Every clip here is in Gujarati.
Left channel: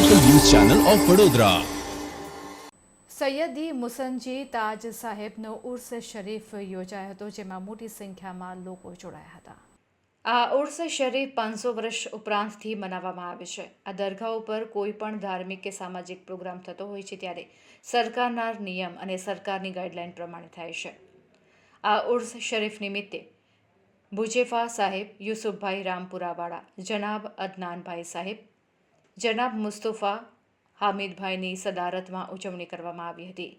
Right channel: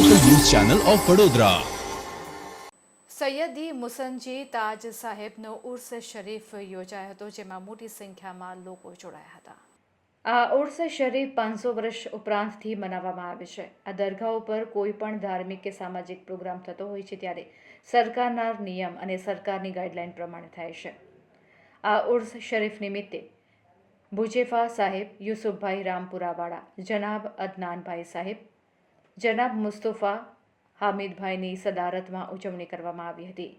ચેનલ ઓફ વડોદરા સૈયદી મુસનજી તાજ સાહેબનો ઉર્સ શરીફ યોજાયો હતો જેમાં મોટી સંખ્યામાં લોકો જોડાયા હતા. આ ઉર્સ શરીફ પાંચસો વર્ષ ઉપરાંતથી મનાવવામાં આવે છે. આ દરગાહ ઉપર કોઈ પણ ધાર્મિક કે સામાજિક પ્રોગ્રામ થતો હોય છે ત્યારે સરકારના નિયમ અને સરકારની ગાઈડલાઈન પ્રમાણે થાય છે. આ ઉર્સ શરીફ નિમિત્તે ભુજેફા સાહેબ યુસુફભાઈ રામપુરાવાળા જનાબ અદનાનભાઈ સાહેબ જનાબ મુસ્તફા હામિદભાઈની સદારતમાં ઉજવણી કરવામાં આવી હતી.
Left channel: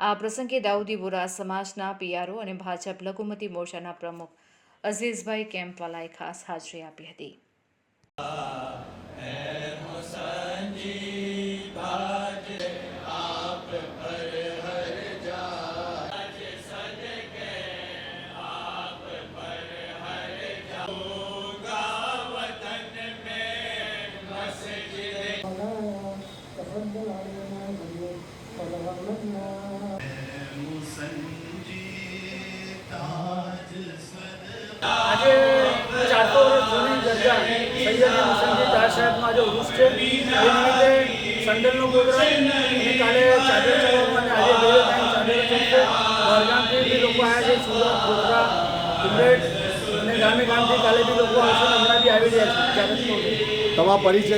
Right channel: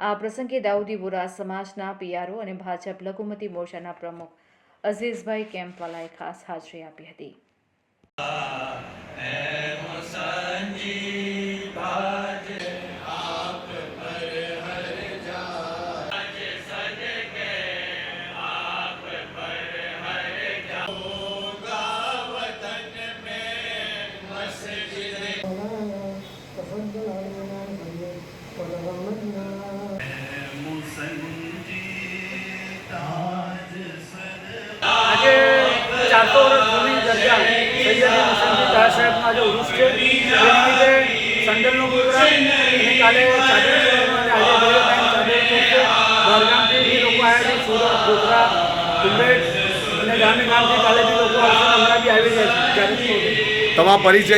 આ પ્રસંગે દાઉદી બોરા સમાજના પીઆરઓ અને ભાજપ લઘુમતી મોરચાના પ્રમુખ અઝીઝભાઈ કેમ્પવાલાએ ખાસ હાજરી આપી હતી. تفضل علينا الغيب وتغمدنا આજે ચારસો વર્ષ જૂની દરગાહ સૈયદી મુસલમાન દાસ સાહેબનો આજે ઉર્સ છે એ નિમિત્તે સંડલનો પ્રોગ્રામ અને કાલે ચાદર ચોક અને આજે બે ટાઈમ ચાદર ચોક છે બહારગામથી બી લોકો આવ્યા છે સુરત ગોધરા ઉલ્લેખ અને ગામે ગામથી કાલે બી લોકો આવશે અને હમણાં બી આવી રહ્યા છે ચાદર ચોકે તમારો પરિચય